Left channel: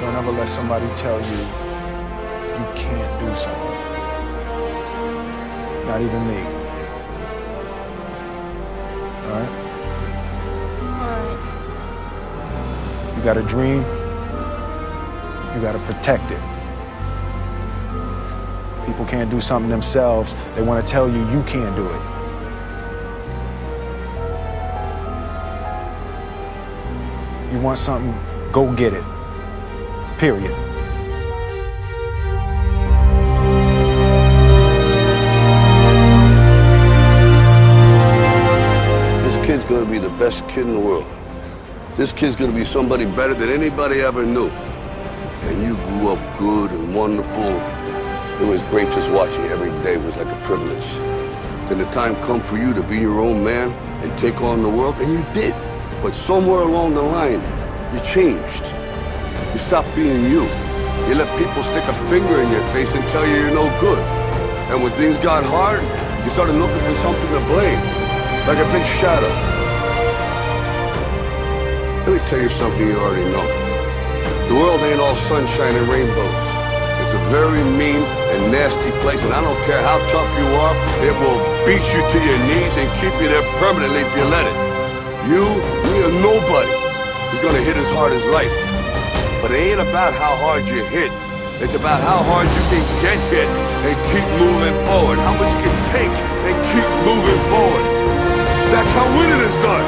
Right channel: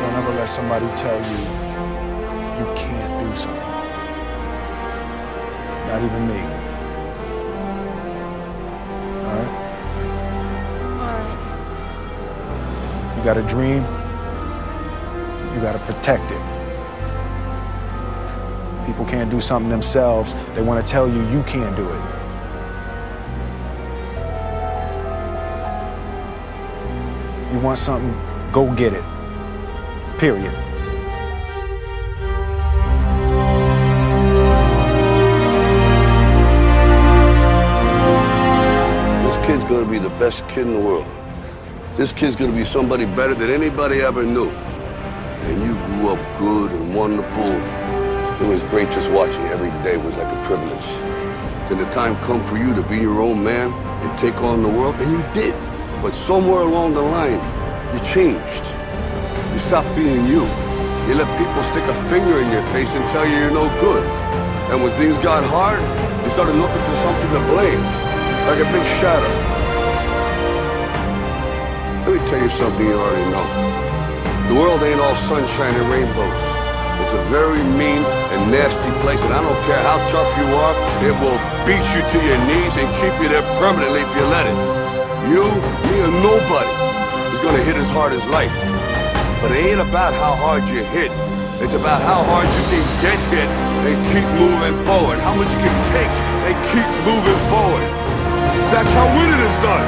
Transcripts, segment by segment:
Don't ever let somebody tell you you can't do something. Not even me. All right? Alright. You got a dream, you got to protect it. People can't do something themselves. They want to tell you you can't do it. You want something, go get it. Period. This kid's gonna be the best kid in the world. This kid's gonna be somebody better than anybody ever knew. And you grew up good and wonderful. It was great just watching you every day. It was like a privilege. Then the time come for you to be your own man and take on the world, and you did. But somewhere along the line, you changed. You stopped being you. You let people stick a finger in your face and tell you you're no good. And when things got hard, you started looking for something to blame, like a big shadow. Let me tell you something you already know. The world ain't all sunshine and rainbows. It's a very mean and nasty place, and I don't care how tough you are, it will beat you to your knees and keep you there permanently if you let it. You, me, or nobody is gonna hit as hard as life. But it ain't about how hard you hit. It's about how hard you can get hit and keep moving forward. How much you can take and keep moving forward. That's how winning is done.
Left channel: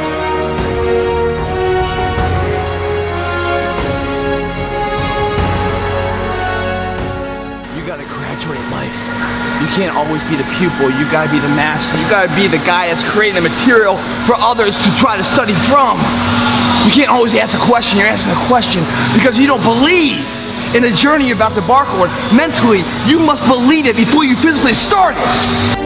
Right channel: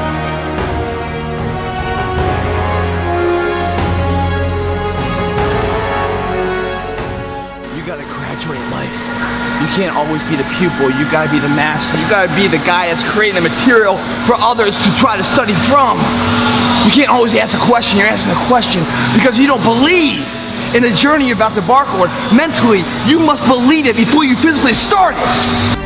You gotta graduate life. You can't always be the pupil, you gotta be the master. You gotta be the guy that's creating the material for others to try to study from. You can't always ask a question, you're asking a question because you don't believe in the journey you're about to embark on. Mentally, you must believe it before you physically start it.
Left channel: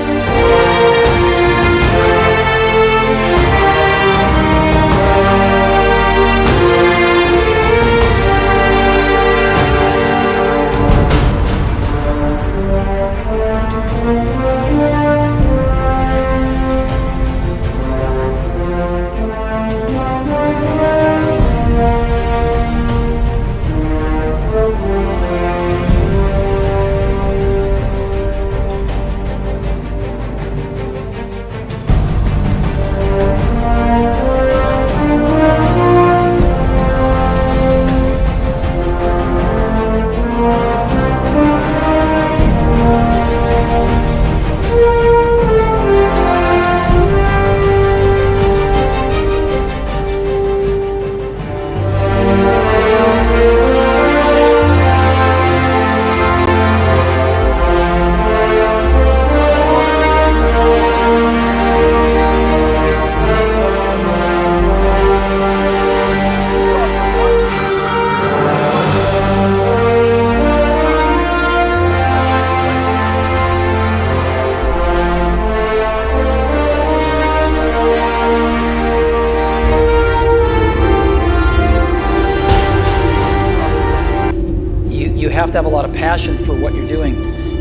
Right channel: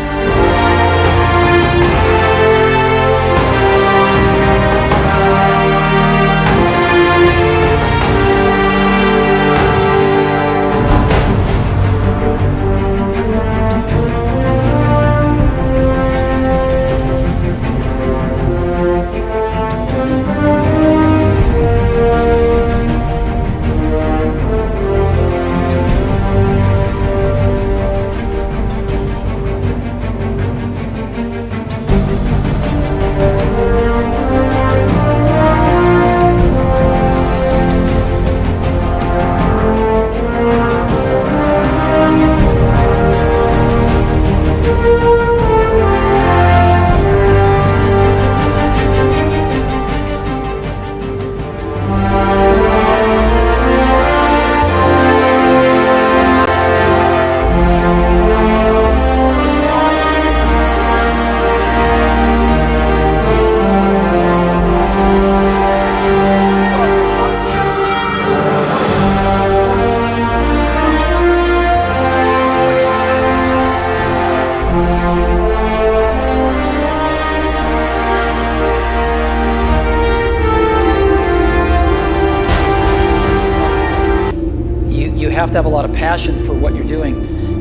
You have to have a lot of passion for what you're doing,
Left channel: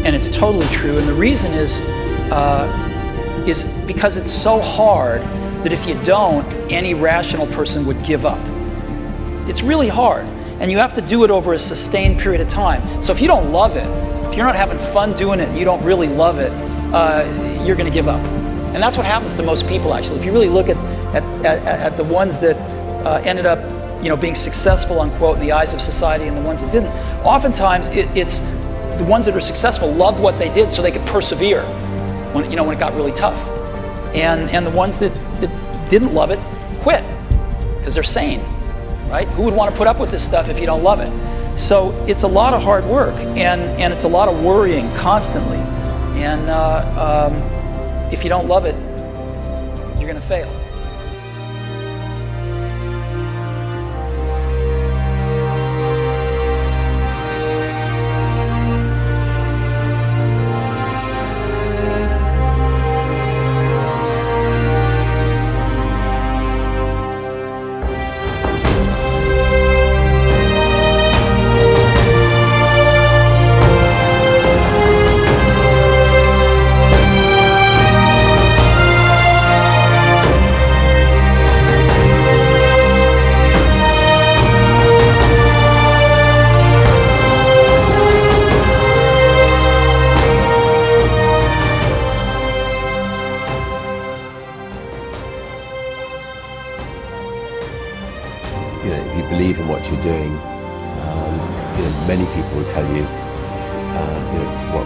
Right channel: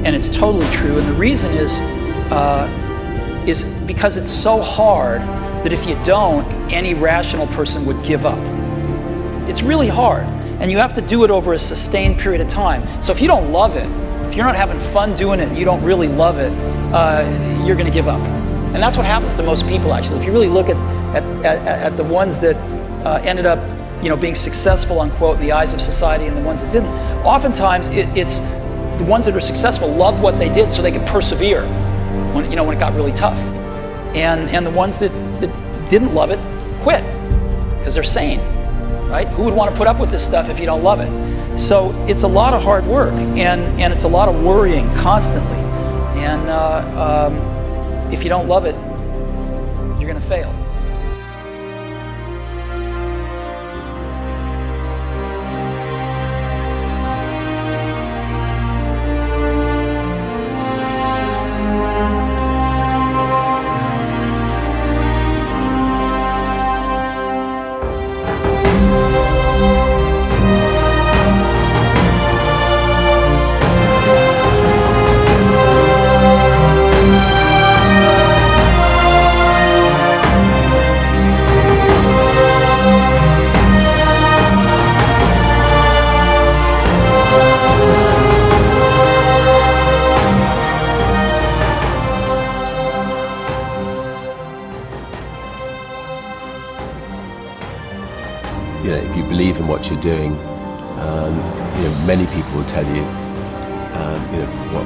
and it's totally true. And the reason is because it's so hard that if you don't, any rational person would give up. It's really hard, and you have to do it over a sustained period of time. So if you don't love it, if you're not having fun doing it, and you don't really love it, you're going to give up. And that's what happens to most people, actually. If you really look at the ones that ended up being successful, unquote, in the eyes of society, and the ones that didn't. Oftentimes, it's the ones that are successful loved what they did so they could persevere when it got really tough. And the ones that didn't love it quit because they're sane, right? Who would want to put up with this stuff if you don't love it? So it's a lot of hard work, and it's a lot of worrying constantly. And if you don't love it, you're going to fail. Many people will tell you,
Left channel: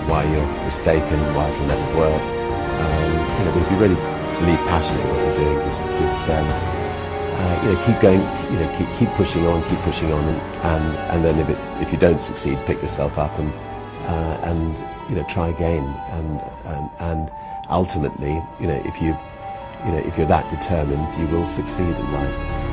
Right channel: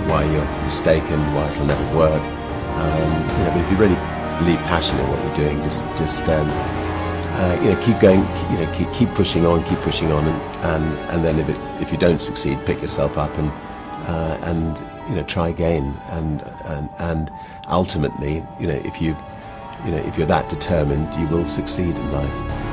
why you're mistaken, why it'll never work. But if you really believe passionately in what you're doing, just keep going, keep pushing on, and then if you don't succeed, pick yourself up and try again, and ultimately, if you're that determined, you will succeed in life.